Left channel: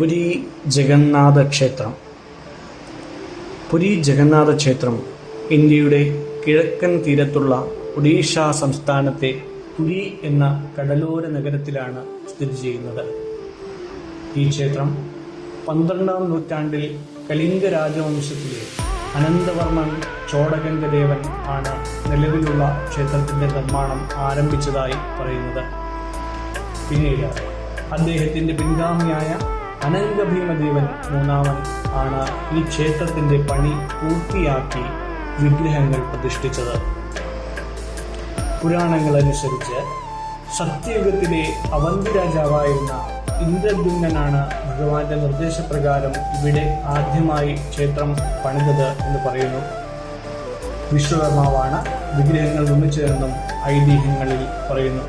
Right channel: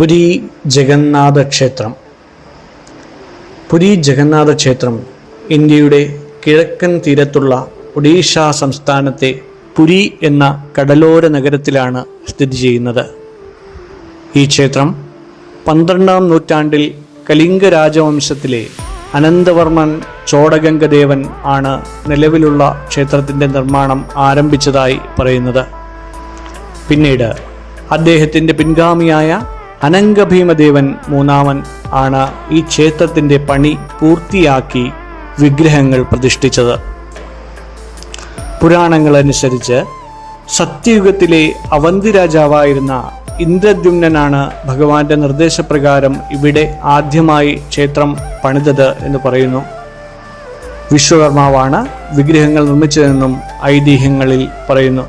പുരി ജഗന്നാഥ ക്ഷേത്രം. പുരി ജഗന്നാഥ ക്ഷേത്രം ഇന്ത്യയുടെ കിഴക്കൻ തീരത്തുള്ള ഒഡീഷ സംസ്ഥാനത്തെ പുരി എന്ന കടലോര നഗരത്തിലാണ് സ്ഥിതി ചെയ്യുന്നത്. ഈ ക്ഷേത്രം 12-ാം നൂറ്റാണ്ടിൽ കലിംഗ രാജവംശത്തിലെ അനന്തവർമ്മൻ ചോടഗംഗദേവൻ ആണ് നിലവിലുള്ള ക്ഷേത്രത്തിൻ്റെ നിർമ്മാണം ആരംഭിച്ചതായി പറയുന്നത്. പിന്നീട് അദ്ദേഹത്തിൻ്റെ പിൻഗാമിയായ അനംഗഭീമദേവൻ മൂന്നാമൻ ആണ് ഈ ക്ഷേത്രത്തിൻ്റെ പണി പൂർത്തിയാക്കി വിഗ്രഹങ്ങൾ പ്രതിഷ്ഠിച്ചത്. പുരാണങ്ങളനുസരിച്ച് സത്യയുഗത്തിലെ അവന്തി രാജാവായിരുന്ന ഇന്ദ്രദ്യുമ്നനാണ് ഭഗവാന്റെ നിർദ്ദേശപ്രകാരം ഇവിടെ ആദ്യമായി ക്ഷേത്രം പണിതത് എന്ന് പറയുന്നു. വിശ്വകർമാവാണ് വിഗ്രഹങ്ങൾ നിർമ്മിച്ചതെന്നും ഐതിഹ്യങ്ങളിൽ പറയുന്നു.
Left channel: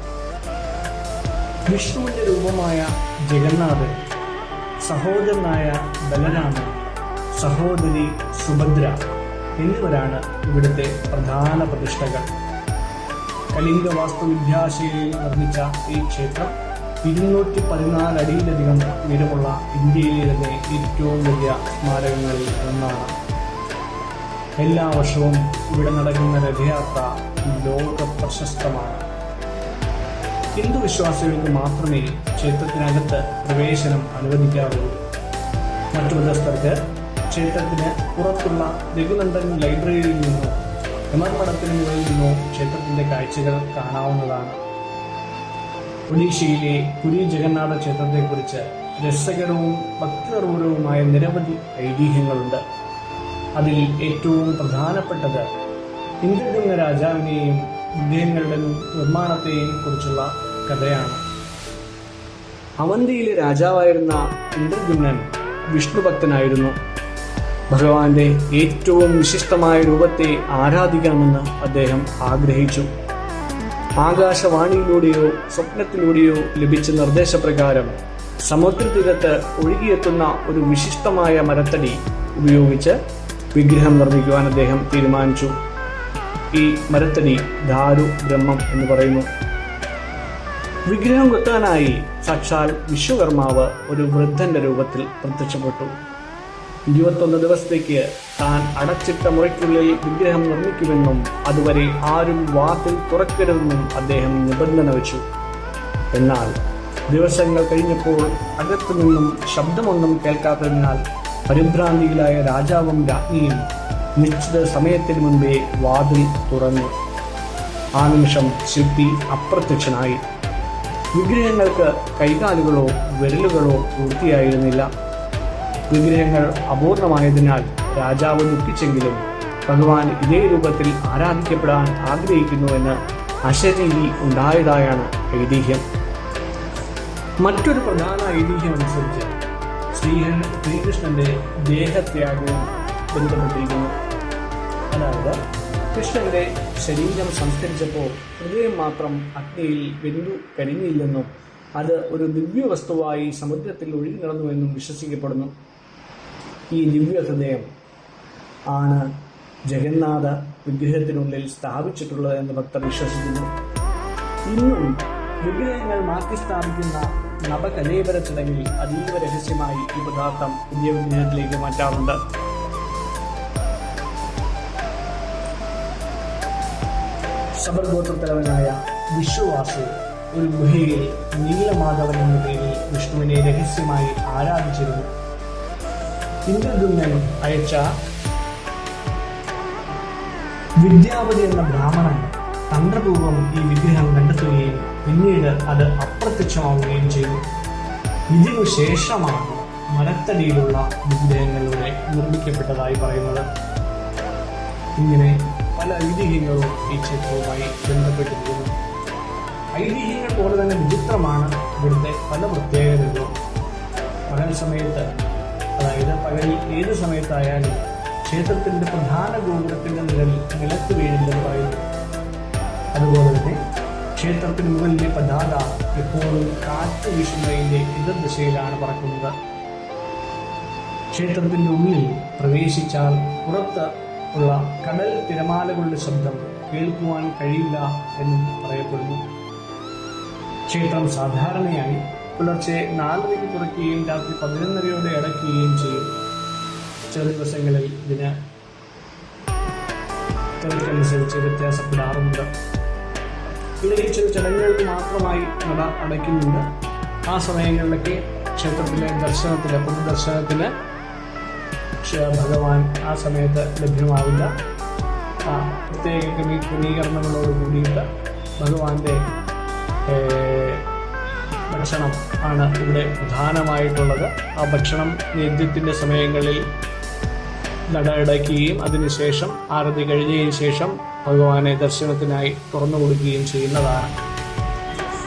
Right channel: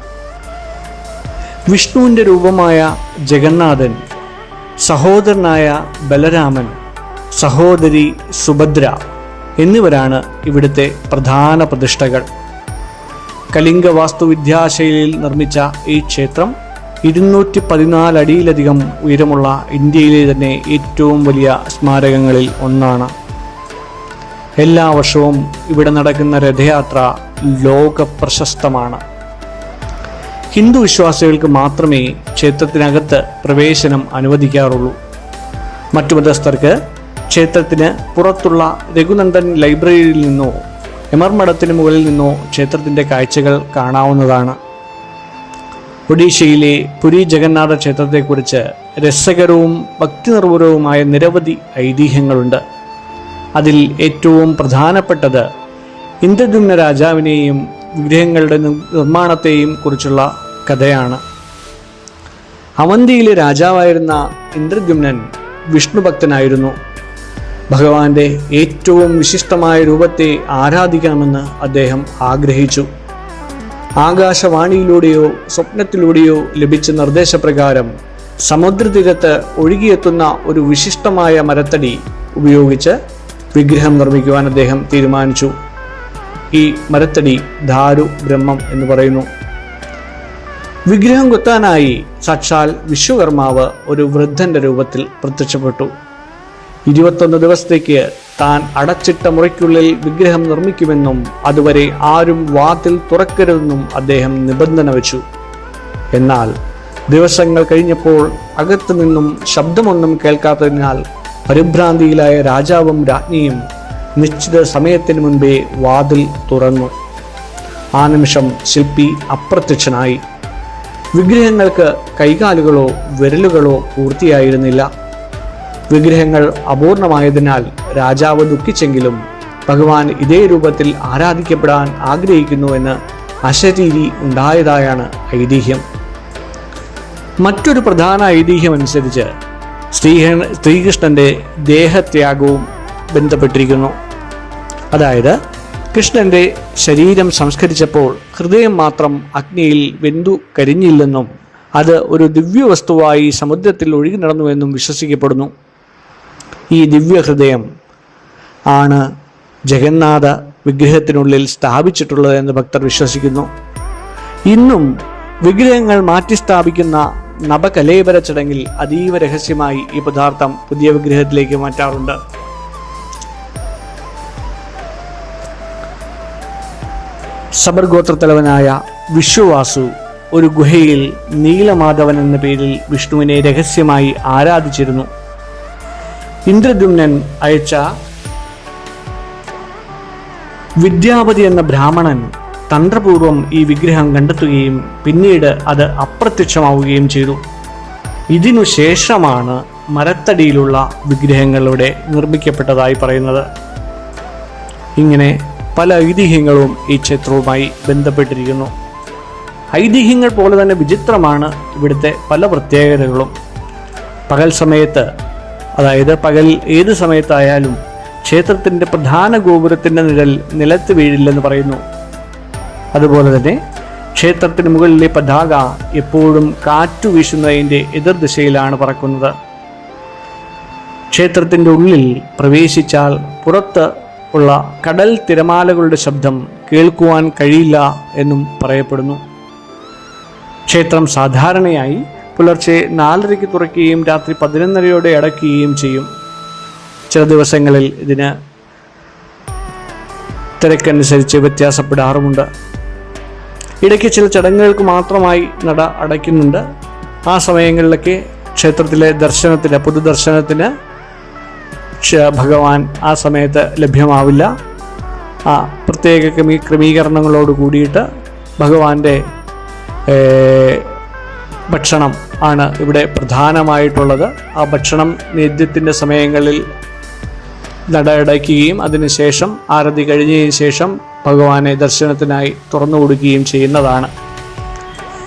വിഷ്ണുവിൻ്റെ രൂപമായ ജഗന്നാഥൻ, സഹോദരനായ ബലരാമൻ, സഹോദരി സുഭദ്ര എന്നിവരാണ് ഇവിടുത്തെ പ്രധാന പ്രതിഷ്ഠകൾ. കലിംഗ വാസ്തുവിദ്യാശൈലിയിൽ നിർമ്മിച്ച ഈ ക്ഷേത്രം 214 അടിയിലധികം ഉയരമുള്ള ഇന്ത്യയിലെ തന്നെ ഏറ്റവും വലിയ സ്മാരകങ്ങളിൽ ഒന്നാണ്. എല്ലാ വർഷവും ഇവിടെ നടക്കുന്ന രഥയാത്ര ലോക പ്രശസ്തമാണ്. ഹിന്ദു വിശ്വാസികൾക്ക് മാത്രമേ ക്ഷേത്രത്തിനകത്ത് പ്രവേശനം അനുവദിക്കാറുള്ളൂ. മറ്റു മതസ്ഥർക്ക് ക്ഷേത്രത്തിന് പുറത്തുള്ള രഘുനന്ദൻ ലൈബ്രറിയിൽ നിന്നോ എമർമഠത്തിന് മുകളിൽ നിന്നോ ക്ഷേത്രത്തിൻ്റെ കാഴ്ചകൾ കാണാവുന്നതാണ്. ഒഡീഷയിലെ പുരി ജഗന്നാഥ ക്ഷേത്രത്തെക്കുറിച്ച് രസകരവും ഭക്തിനിർഭരവുമായ നിരവധി ഐതിഹ്യങ്ങളുണ്ട്. അതിൽ ഏറ്റവും പ്രധാനപ്പെട്ടത് ഇന്ദ്രദ്യുമ്ന രാജാവിനെയും വിഗ്രഹങ്ങളുടെ നിർമ്മാണത്തെയും കുറിച്ചുള്ള കഥയാണ്. അവന്തിയിലെ രാജാവായിരുന്ന ഇന്ദ്രദ്യുമ്നൻ വിഷ്ണുഭക്തനായിരുന്നു. ഭഗവാന്റെ ഏറ്റവും വിശിഷ്ടമായ രൂപത്തെ ആരാധിക്കണമെന്ന് അദ്ദേഹം ആഗ്രഹിച്ചു. ആകാശവാണിയിലൂടെയോ സ്വപ്നത്തിലൂടെയോ ലഭിച്ച നിർദ്ദേശപ്രകാരം സമുദ്രതീരത്ത് ഒഴുകിയെത്തുന്ന ഒരു വിശിഷ്ടമായ മരത്തടി ഉപയോഗിച്ച് വിഗ്രഹം നിർമ്മിക്കുവാൻ അദ്ദേഹം തീരുമാനിച്ചു. ഈ മരത്തടി ധാരു ബ്രഹ്മം എന്ന് പറയുന്നു. വിഗ്രഹം കൊത്താനായി സാക്ഷാൽ വിശ്വകർമാവ് ഒരു വൃദ്ധന്റെ രൂപത്തിൽ പ്രത്യക്ഷപ്പെട്ടു. 21 ദിവസത്തേക്ക് താൻ അടച്ചിട്ട മുറിക്കുള്ളിൽ വിഗ്രഹം നിർമ്മിക്കുമെന്നും അതുവരെ ആരും വാതിൽ തുറക്കരുതെന്നും അദ്ദേഹം നിബന്ധന വെച്ചു. എന്നാൽ ദിവസങ്ങൾ കഴിഞ്ഞപ്പോൾ അകത്തു നിന്നും ശബ്ദമൊന്നും കേൾക്കാത്തതിനാൽ പരിഭ്രാന്തിയിലായ രാജാവും രാജ്ഞിയും നിശ്ചിത സമയത്തിന് മുൻപേ വാതിൽ തുറന്നു. ആ നിമിഷം ശില്പി അപ്രത്യക്ഷനായി. വിഗ്രഹങ്ങൾക്ക് കൈകാലുകളോ വിരലുകളോ പൂർത്തിയായിരുന്നില്ല. വിഗ്രഹങ്ങൾ അപൂർണമായതിനാൽ രാജാവ് ദുഃഖിച്ചെങ്കിലും ഭഗവാൻ ഇതേ രൂപത്തിൽ ആരാധിക്കപ്പെടാൻ ആഗ്രഹിക്കുന്നുവെന്ന് അശരീരി ഉണ്ടായതായാണ് ഐതിഹ്യം. മറ്റൊരു പ്രധാന ഐതിഹ്യം അനുസരിച്ച് ശ്രീകൃഷ്ണന്റെ ദേഹത്യാഗവും ബന്ധപ്പെട്ടിരിക്കുന്നു. അതായത് കൃഷ്ണന്റെ ശരീരം സംസ്കരിച്ചപ്പോൾ ഹൃദയം മാത്രം അഗ്നിയിൽ വെന്തു കരിഞ്ഞില്ലെന്നും അത് ഒരു ദിവ്യവസ്തുവായി സമുദ്രത്തിൽ ഒഴുകി നടന്നുവെന്നും വിശ്വസിക്കപ്പെടുന്നു. ഈ ദിവ്യഹൃദയം ആണ് ജഗന്നാഥ വിഗ്രഹത്തിനുള്ളിൽ സ്ഥാപിച്ചിട്ടുള്ളതെന്ന് ഭക്തർ വിശ്വസിക്കുന്നു. ഇന്നും വിഗ്രഹങ്ങൾ മാറ്റി സ്ഥാപിക്കുന്ന നവകലേബര ചടങ്ങിൽ അതീവ രഹസ്യമായി ഈ പദാർത്ഥം പുതിയ വിഗ്രഹത്തിലേക്ക് മാറ്റാറുണ്ട്. സബർഗോത്രത്തലവനായ വിശ്വവാസു ഒരു ഗുഹയിൽ നീലമാധവൻ എന്ന പേരിൽ വിഷ്ണുവിനെ രഹസ്യമായി ആരാധിച്ചിരുന്നു. ഇന്ദ്രദ്യുമ്നൻ അയച്ച വിദ്യാപതി എന്ന ബ്രാഹ്മണൻ തന്ത്രപൂർവം ഈ വിഗ്രഹം കണ്ടെത്തുകയും പിന്നീട് അത് അപ്രത്യക്ഷമാവുകയും ചെയ്തു. ഇതിനു ശേഷമാണ് മരത്തടിയിലുള്ള വിഗ്രഹങ്ങളുടെ നിർമ്മിക്കപ്പെട്ടതായി പറയുന്നത്. ഇങ്ങനെ പല ഐതിഹ്യങ്ങളും ഈ ക്ഷേത്രവുമായി ബന്ധപ്പെട്ടിരിക്കുന്നു. ഐതിഹ്യങ്ങൾ പോലെ തന്നെ വിചിത്രമാണ് ഇവിടുത്തെ പല പ്രത്യേകതകളും. പകൽ സമയത്ത്, അതായത് പകൽ ഏത് സമയത്തായാലും ക്ഷേത്രത്തിൻ്റെ പ്രധാന ഗോപുരത്തിൻ്റെ നിഴൽ നിലത്ത് വീഴില്ലെന്ന് പറയുന്നു. അതുപോലെ തന്നെ ക്ഷേത്രത്തിന് മുകളിലെ പതാക എപ്പോഴും കാറ്റു വീശുന്നതിൻ്റെ എതിർദിശയിലാണ് പറക്കുന്നത്. ക്ഷേത്രത്തിൻ്റെ ഉള്ളിൽ പ്രവേശിച്ചാൽ പുറത്ത് ഉള്ള കടൽ തിരമാലകളുടെ ശബ്ദം കേൾക്കുവാൻ കഴിയില്ല എന്നും പറയപ്പെടുന്നു. ക്ഷേത്രം സാധാരണയായി പുലർച്ചെ 4:30 തുറക്കുകയും രാത്രി 11:30 അടയ്ക്കുകയും ചെയ്യും. ചില ദിവസങ്ങളിൽ ഇതിന് തിരക്കനുസരിച്ച് വ്യത്യാസപ്പെടാറുമുണ്ട്. ഇടയ്ക്ക് ചില ചടങ്ങുകൾക്ക് മാത്രമായി നട അടയ്ക്കുന്നുണ്ട്. ആ സമയങ്ങളിലൊക്കെ ക്ഷേത്രത്തിലെ പൊതുദർശനത്തിന് ഭഗവാൻ ആ സമയത്ത് ലഭ്യമാവില്ല. ആ പ്രത്യേക ക്രമീകരണങ്ങളോട് കൂടിയിട്ട് ഭഗവാന്റെ ഭക്ഷണം ആണ് ഇവിടെ പ്രധാനമായിട്ടുള്ളത്. ആ ഭക്ഷണം നേദ്യത്തിൻ്റെ സമയങ്ങളിൽ നട അടയ്ക്കുകയും അതിനുശേഷം ആരതി കഴിഞ്ഞതിന് ശേഷം ഭഗവാനെ ദർശനത്തിനായി തുറന്നു കൊടുക്കുകയും ചെയ്യുന്നതാണ്.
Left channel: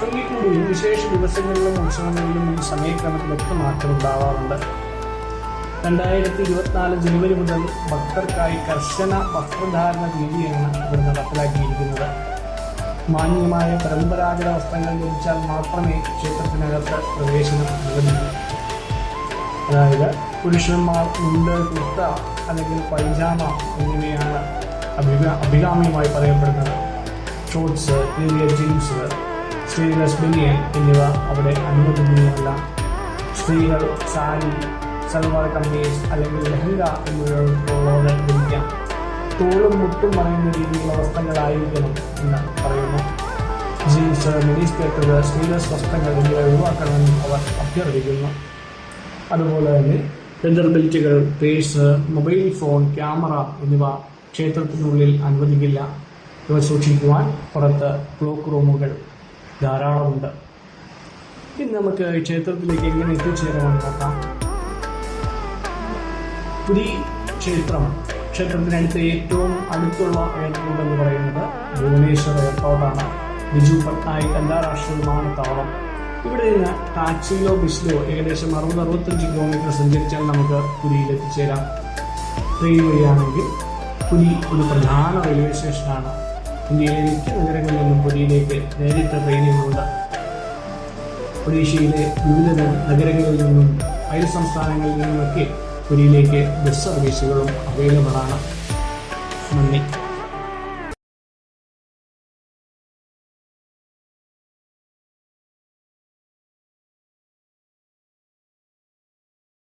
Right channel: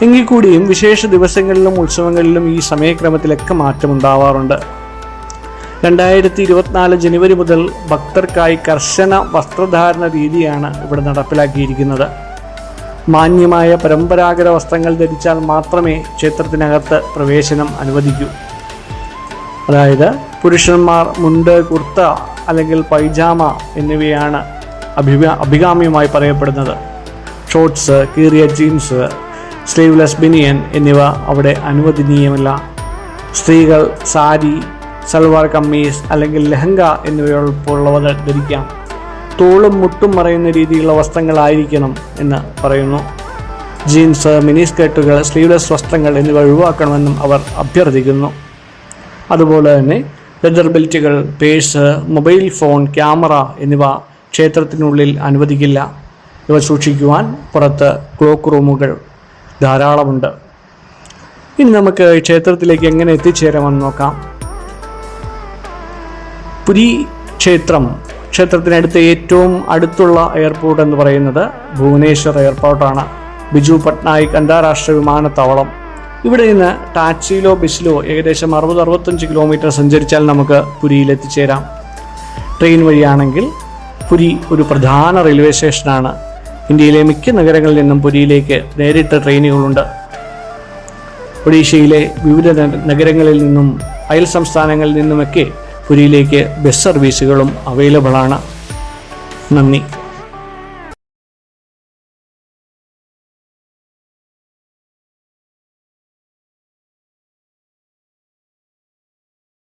എങ്കിൽ കൂടിയും വിശേഷ ദിവസങ്ങളിലും ഉത്സവങ്ങളിലും ഈ സമയക്രമത്തിലൊക്കെ മാറ്റമുണ്ടാവാറുണ്ട്. 2024 ജനുവരി മുതൽ ഭക്തർക്കായി കർശന വസ്ത്രധാരണ രീതിയാണ് ഇവിടെ നടപ്പിലാക്കിയിരിക്കുന്നത്. മാന്യമായ പരമ്പരാഗത വസ്ത്രങ്ങൾ ധരിച്ചാൽ മാത്രമേ ക്ഷേത്രത്തിനകത്ത് പ്രവേശനം അനുവദിക്കൂ. അതായത് പുരുഷന്മാർ മുണ്ട്, കുർത്ത അല്ലെങ്കിൽ പൈജാമ എന്നിവയാണ് അഭികാമ്യമായി പറയപ്പെടുന്നത്. ഷോർട്സ്, കീറിയ ജീൻസ്, സ്ലീവ്ലെസ് ബനിയൻ എന്നിവ അവിടെ അനുവദനീയമല്ല. സ്ത്രീകൾ സാരി, സൽവാർ കമ്മീസ് അല്ലെങ്കിൽ ലെഹങ്ക എന്നിവയുള്ളവ ധരിക്കാം. തോളും മുട്ടും മറയുന്ന രീതിയിലുള്ള വസ്ത്രങ്ങളായിരിക്കണം എന്ന് പറയുന്നു. ജീൻസ്, മിനി സ്കേർട്ടുകൾ, സ്ലീവ്ലെസ് വസ്ത്രങ്ങൾ എന്നിവ ഒഴിവാക്കണമെന്നും അവർ അഭ്യർത്ഥിക്കുന്നു. അതുപോലെ തന്നെ ലെതർ ബെൽറ്റുകൾ, പേഴ്സ്, മൊബൈൽ ഫോൺ, ക്യാമറ എന്നിവ ക്ഷേത്രത്തിനുള്ളിൽ അനുവദിക്കില്ല. ഇവ സൂക്ഷിക്കുവാൻ പുറത്ത് ക്ലോക്ക് റൂമുകൾ ധാരാളമുണ്ട്. ഇനി നമുക്ക് ക്ഷേത്രത്തിലേക്ക് എങ്ങനെ എത്തിച്ചേരാമെന്ന് നോക്കാം. പുരി ക്ഷേത്രത്തിനടുത്ത് ഏറ്റവും അടുത്തുള്ള എയർപോർട്ട് എന്ന് പറയുന്നത് ഭുവനേശ്വർ എയർപോർട്ടാണ്. ബിജു പട്നായിക് അന്താരാഷ്ട്ര വിമാനത്താവളം. ഇവിടെ നിന്ന് ടാക്സിയിലോ ബസ്സിലോ ഏകദേശം 60-65 കിലോമീറ്റർ സഞ്ചരിച്ചാൽ നമുക്ക് പുരിയിൽ എത്തിച്ചേരാം. ട്രെയിൻ വഴിയാണെങ്കിൽ പുരി ഒരു പ്രധാന റെയിൽവേ സ്റ്റേഷനാണ്. ഇന്ത്യയിലെ മിക്ക നഗരങ്ങളിൽ നിന്നും പുരിയിലേക്ക് നേരിട്ട് ട്രെയിനുകളുണ്ട്. ഒഡീഷയിലെ വിവിധ നഗരങ്ങളിൽ നിന്നും അയൽ സംസ്ഥാനങ്ങളിൽ നിന്നുമൊക്കെ പുരിയിലേക്ക് ബസ് സർവീസുകളും അവൈലബിൾ ആണ്. നന്ദി.